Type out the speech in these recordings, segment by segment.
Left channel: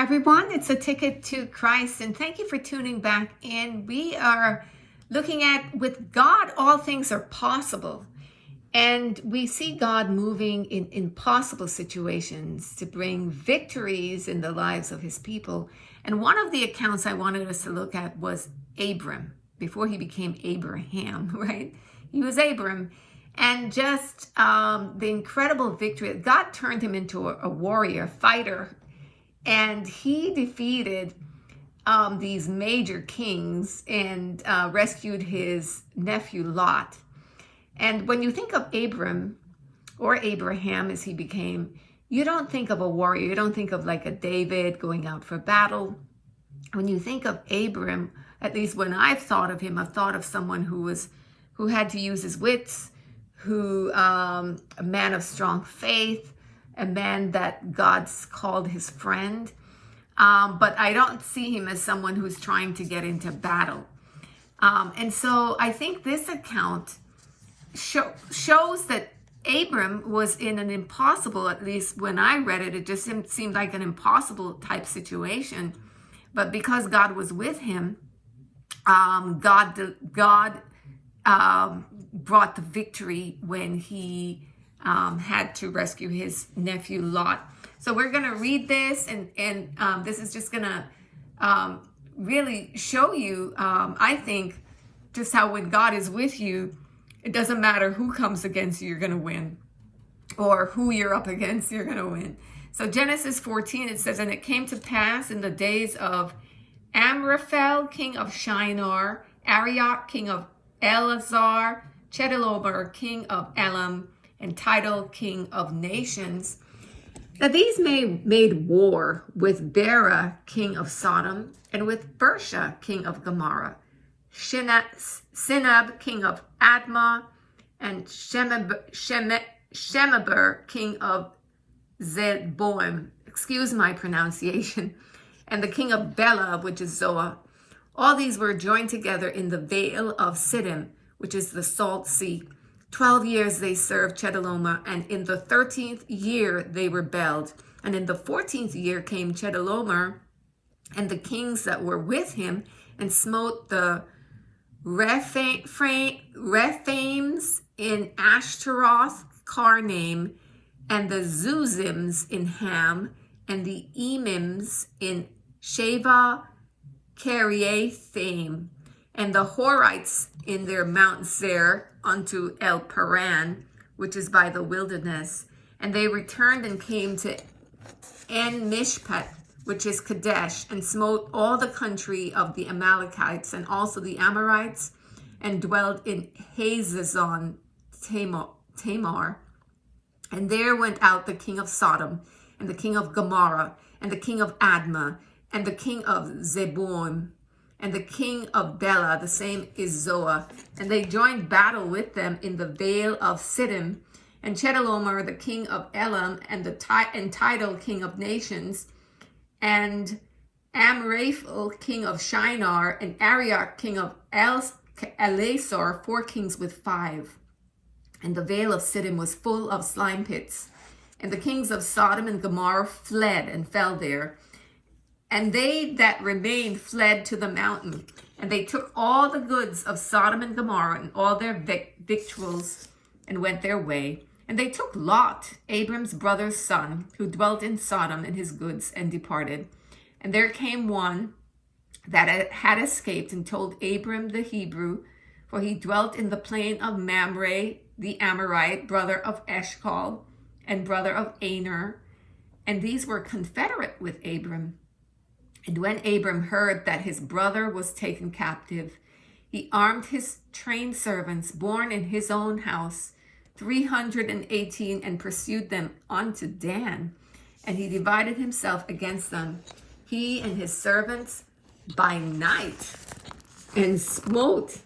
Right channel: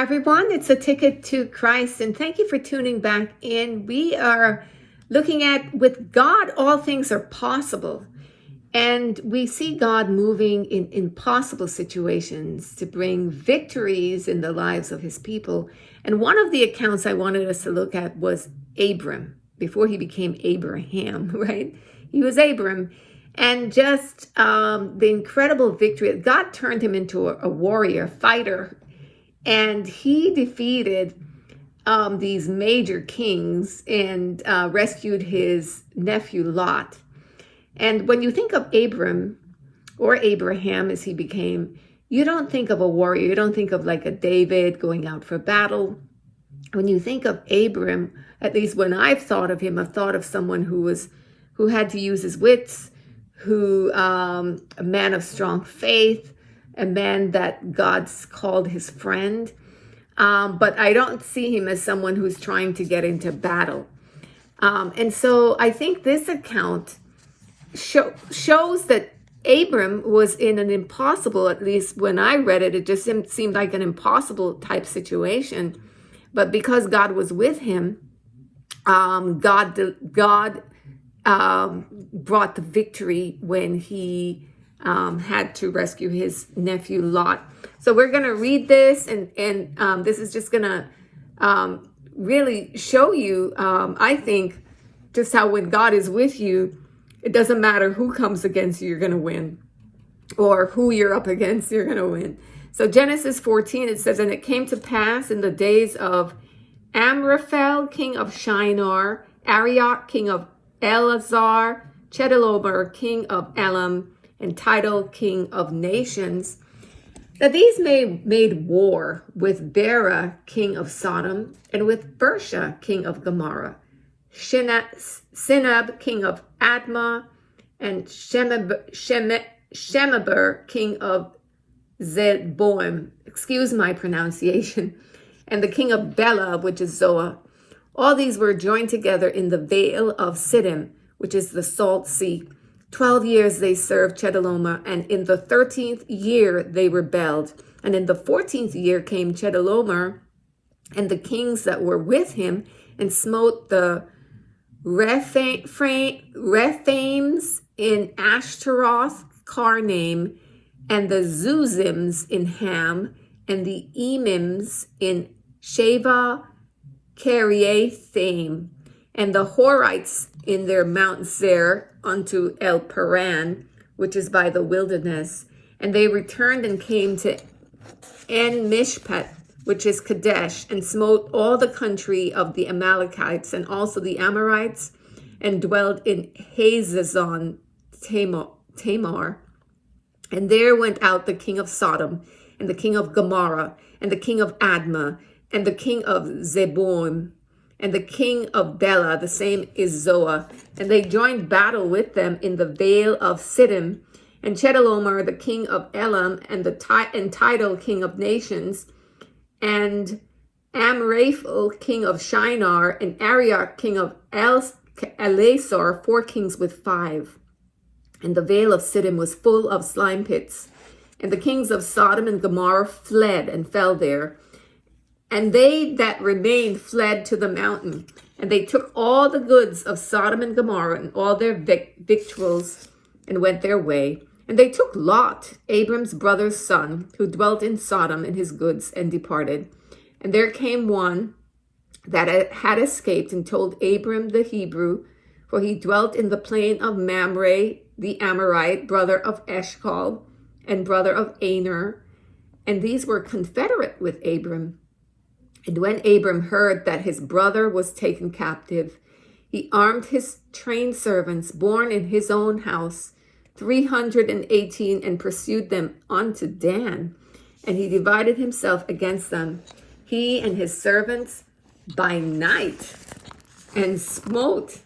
Hi, everyone. It's A Ticket to Christ, and thank you for tuning back in. We are looking at with God, all things are possible. And we see God moving in impossible situations to bring victories in the lives of his people. And one of the accounts I wanted us to look at was Abram, before he became Abraham, right? He was Abram. And just the incredible victory. God turned him into a warrior, fighter, and he defeated these major kings and rescued his nephew Lot. And when you think of Abram, or Abraham as he became, you don't think of a warrior. You don't think of like a David going out for battle. When you think of Abram, at least when I've thought of him, I've thought of someone who had to use his wits, a man of strong faith, a man that God's called his friend. But I don't see him as someone who's trying to get into battle. And so I think this account shows that Abram was in an impossible, at least when I read it, it just seemed like an impossible type situation. But because God was with him, God brought the victory when he had to rescue his nephew Lot. So we're going to read this, and this is just going to really show you, I think, just how when God is with you, it doesn't matter who comes against you, you're going to win. Or who you're up against, you're going to win. So Genesis 14, it says, "And it came to pass in the days of Amraphel, king of Shinar, Arioch, king of Elazar, Chedorlaomer, king of Elam, and Tidal, king of nations, that these made war with Bera, king of Sodom, and with Bersha, king of Gomorrah, Sinab, king of Admah, and Shemeber, king of Zeboim," excuse my pronunciation, "and the king of Bela, which is Zoa. All these were joined together in the Vale of Siddim, which is the Salt Sea. 12 years they served Chedorlaomer, and in the 13th year they rebelled. And in the 14th year came Chedorlaomer and the kings that were with him, and smote the Rephaims in Ashtaroth Karnaim, and the Zuzims in Ham, and the Emims in Sheva Kiriathaim, and the Horites in their Mount Seir unto El Paran, which is by the wilderness. And they returned and came to En Mishpat, which is Kadesh, and smote all the country of the Amalekites and also the Amorites, and dwelt in Hazazon Tamar. And there went out the king of Sodom, and the king of Gomorrah, and the king of Admah, and the king of Zeboim, and the king of Bela, the same is Zoa. And they joined battle with them in the Vale of Siddim. And Chedorlaomer, the king of Elam, and Tidal, king of nations, and Amraphel, king of Shinar, and Arioch, king of Elasar, 4 kings with 5. And the Vale of Siddim was full of slime pits. And the kings of Sodom and Gomorrah fled and fell there. And they that remained fled to the mountain. And they took all the goods of Sodom and Gomorrah and all their victuals, and went their way. And they took Lot, Abram's brother's son, who dwelt in Sodom, and his goods, and departed. And there came one that had escaped, and told Abram the Hebrew, for he dwelt in the plain of Mamre, the Amorite, brother of Eshcol, and brother of Aner. And these were confederate with Abram. And when Abram heard that his brother was taken captive, he armed his trained servants, born in his own house, 318, and pursued them unto Dan. And he divided himself against them, he and his servants, by night, and smote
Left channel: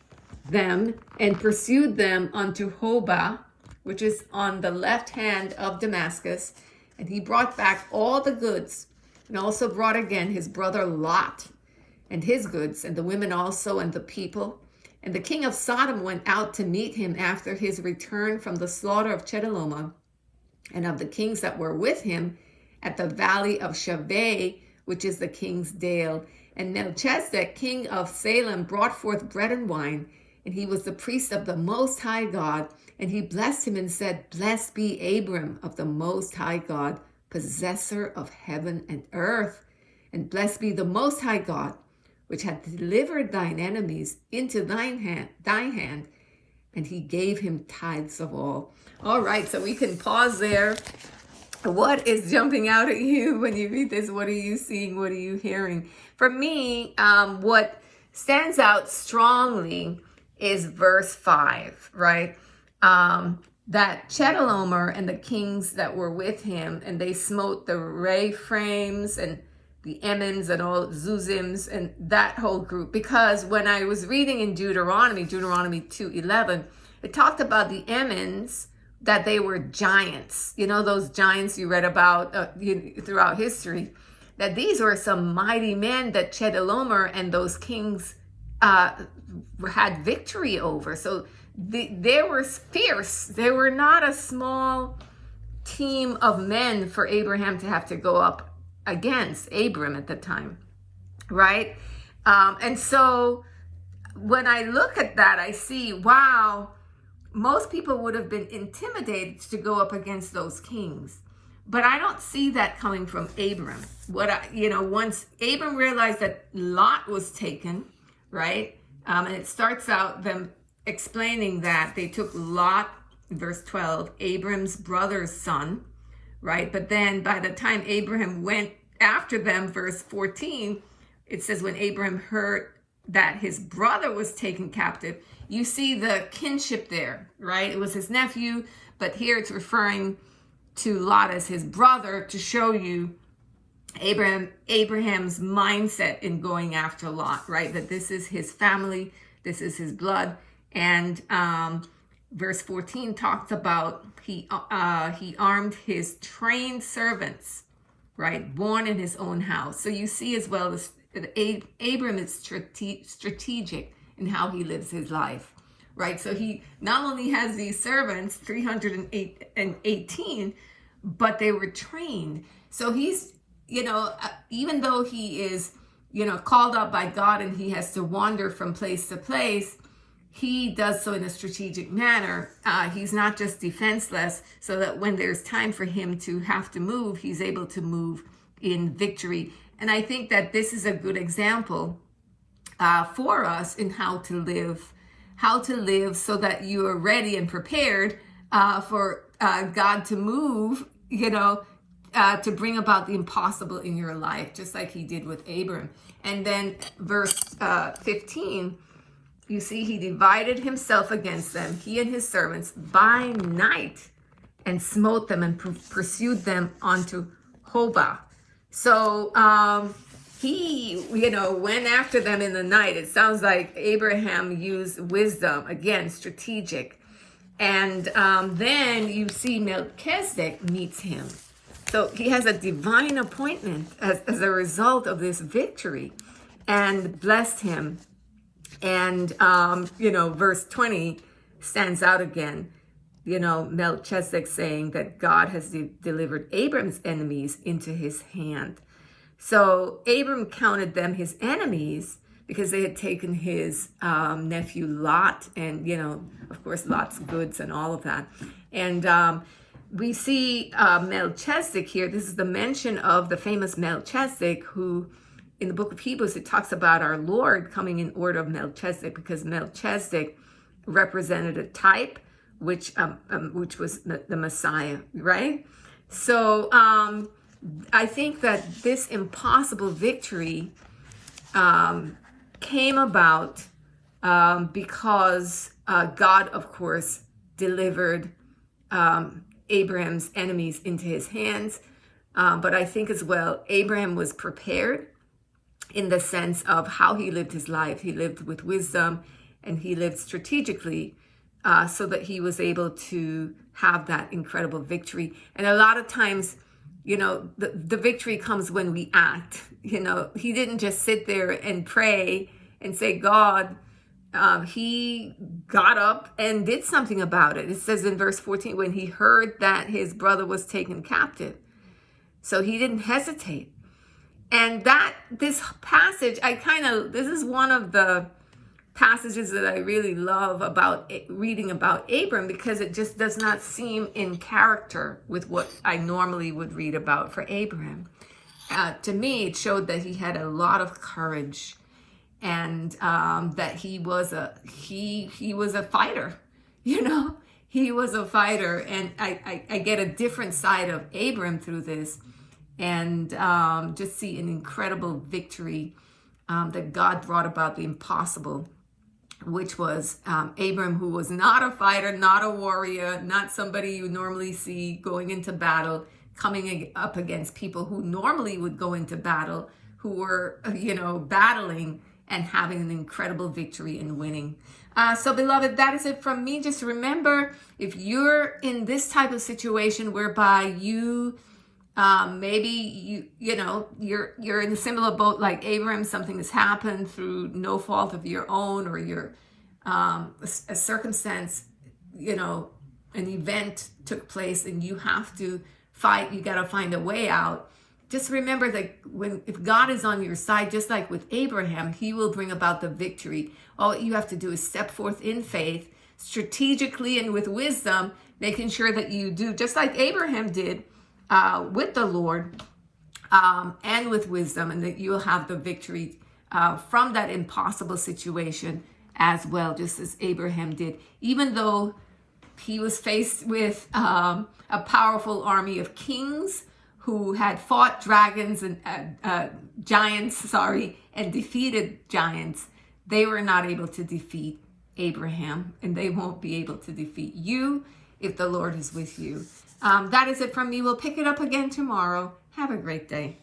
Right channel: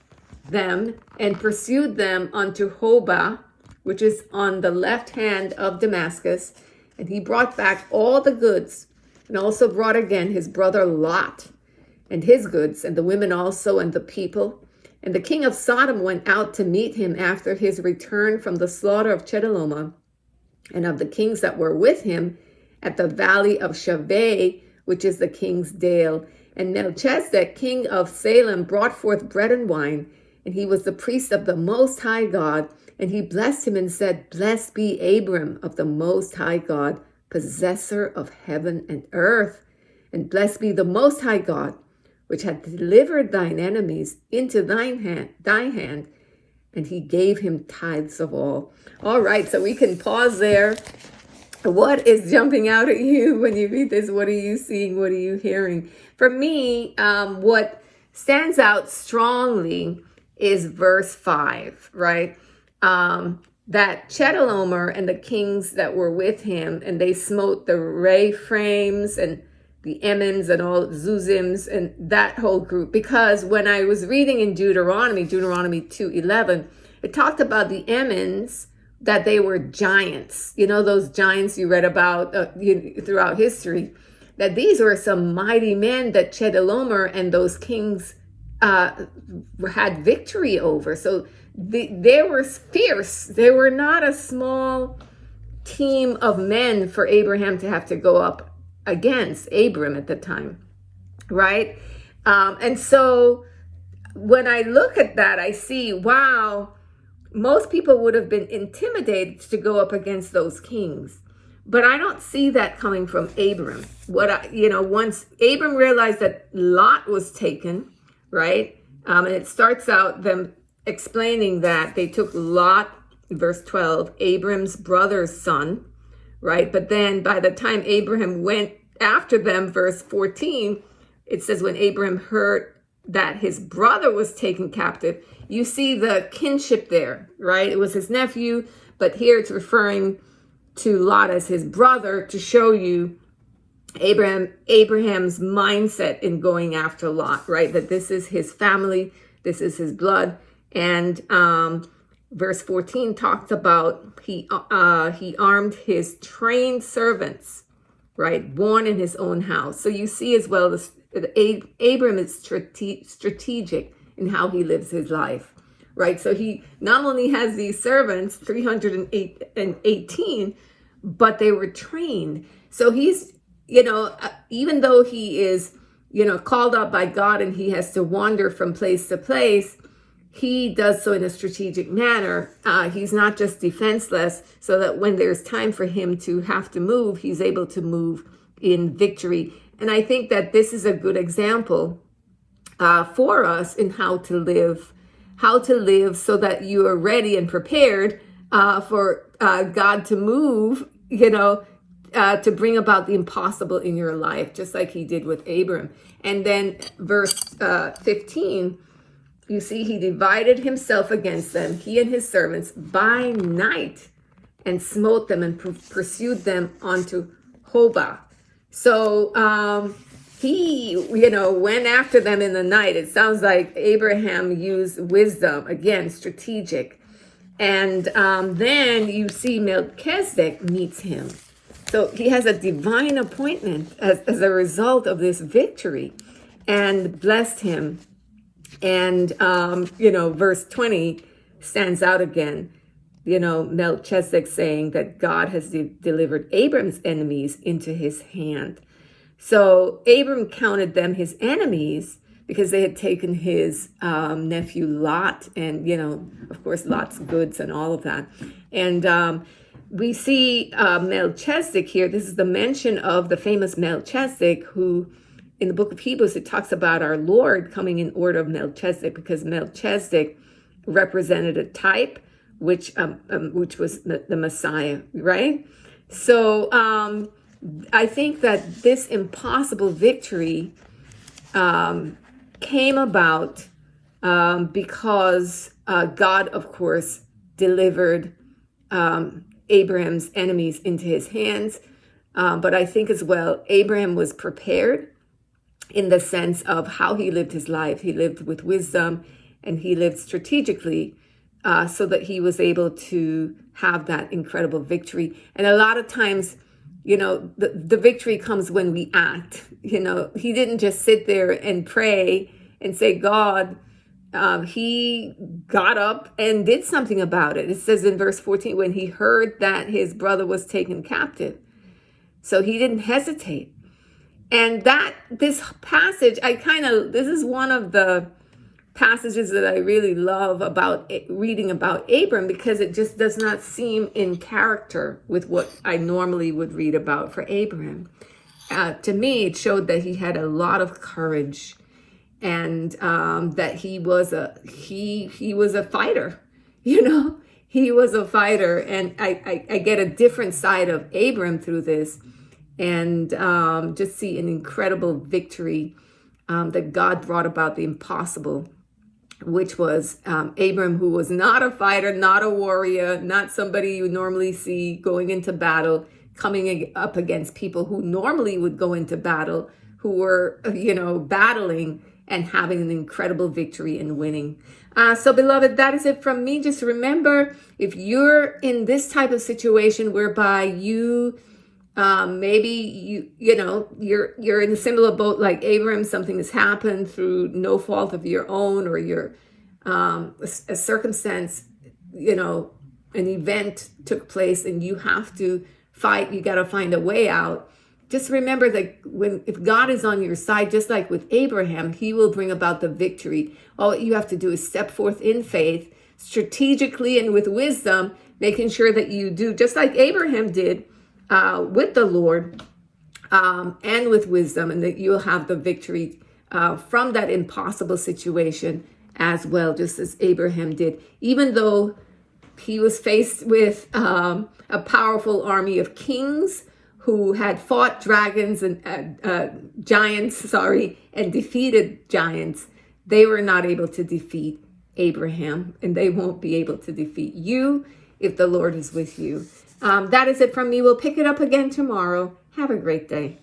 them, and pursued them unto Hobah, which is on the left hand of Damascus. And he brought back all the goods, and also brought again his brother Lot, and his goods, and the women also, and the people. And the king of Sodom went out to meet him after his return from the slaughter of Chedorlaomer, and of the kings that were with him, at the valley of Shaveh, which is the king's dale. And Melchizedek, king of Salem, brought forth bread and wine, and he was the priest of the Most High God. And he blessed him and said, Blessed be Abram of the Most High God, possessor of heaven and earth. And blessed be the Most High God, which hath delivered thine enemies into thy hand. And he gave him tithes of all. All right, so we can pause there. What is jumping out at you when you read this? What are you seeing? What are you hearing? For me, what stands out strongly is verse 5, right? That Chedorlaomer and the kings that were with him, and they smote the Rephaims and the Emims and all Zuzims and that whole group. Because when I was reading in Deuteronomy 2:11, it talked about the Emims, that they were giants. You know, those giants you read about throughout history, that these were some mighty men that Chedorlaomer and those kings had victory over. So they were fierce. They were not a small team of men for Abraham to have to go up against, Abram at the time, right? And so when I look at that, I see, wow, most people would have been intimidated to go up against those kings. But I don't see that coming from Abram. Once Abram realized that Lot was taken, right? And it starts out them explaining that they took Lot, verse 12, Abram's brother's son, right? But then by the time Abraham went after them, verse 14, it says when Abraham heard that his brother was taken captive, you see the kinship there, right? It was his nephew, but here it's referring to Lot as his brother to show you Abraham's mindset in going after Lot, right? That this is his family, this is his blood. And verse 14 talks about he armed his trained servants, right? Born in his own house. So you see as well, Abram is strategic in how he lives his life, right? So he not only has these servants, 318, but they were trained. So he's, even though he is, called up by God and he has to wander from place to place, he does so in a strategic manner. He's not just defenseless, so that when there's time for him to have to move, he's able to move in victory. And I think that this is a good example for us in how to live so that you are ready and prepared for God to move, to bring about the impossible in your life, just like he did with Abram. And then verse 15, you see, he divided himself against them, he and his servants, by night, and smote them and pursued them unto Hobah. So he, went after them in the night. It sounds like Abraham used wisdom, again, strategic. And then you see Melchizedek meets him. So he has a divine appointment as a result of this victory, and blessed him. And, verse 20 stands out again. Melchizedek saying that God has delivered Abram's enemies into his hand. So Abram counted them his enemies because they had taken his nephew Lot and, of course, Lot's goods and all of that. And we see Melchizedek here. This is the mention of the famous Melchizedek, who in the book of Hebrews, it talks about our Lord coming in order of Melchizedek, because Melchizedek represented a type, which was the Messiah, right? So I think that this impossible victory came about because God, of course, delivered Abraham's enemies into his hands. But I think as well, Abraham was prepared in the sense of how he lived his life. He lived with wisdom and he lived strategically so that he was able to have that incredible victory. And a lot of times, the victory comes when we act. He didn't just sit there and pray and say, God, he got up and did something about it. It says in verse 14, when he heard that his brother was taken captive. So he didn't hesitate. And this passage, this is one of the passages that I really love about reading about Abram, because it just does not seem in character with what I normally would read about for Abraham. To me, it showed that he had a lot of courage, and that he was a fighter. He was a fighter, and I get a different side of Abram through this, and just see an incredible victory that God brought about the impossible, which was Abram, who was not a fighter, not a warrior, not somebody you normally see going into battle, coming up against people who normally would go into battle, who were, battling and having an incredible victory and winning. So beloved, that is it from me. Just remember, if you're in this type of situation whereby you maybe you're in a similar boat like Abraham, something has happened through no fault of your own, or your a circumstance, an event took place and you have to fight, you got to find a way out. Just remember that if God is on your side, just like with Abraham, he will bring about the victory. All you have to do is step forth in faith, strategically and with wisdom, making sure that you do just like Abraham did, with the Lord, and with wisdom, and that you'll have the victory from that impossible situation as well, just as Abraham did. Even though he was faced with a powerful army of kings who had fought dragons and giants, and defeated giants, they were not able to defeat Abraham, and they won't be able to defeat you if the Lord is with you. That is it from me. We'll pick it up again tomorrow. Have a great day.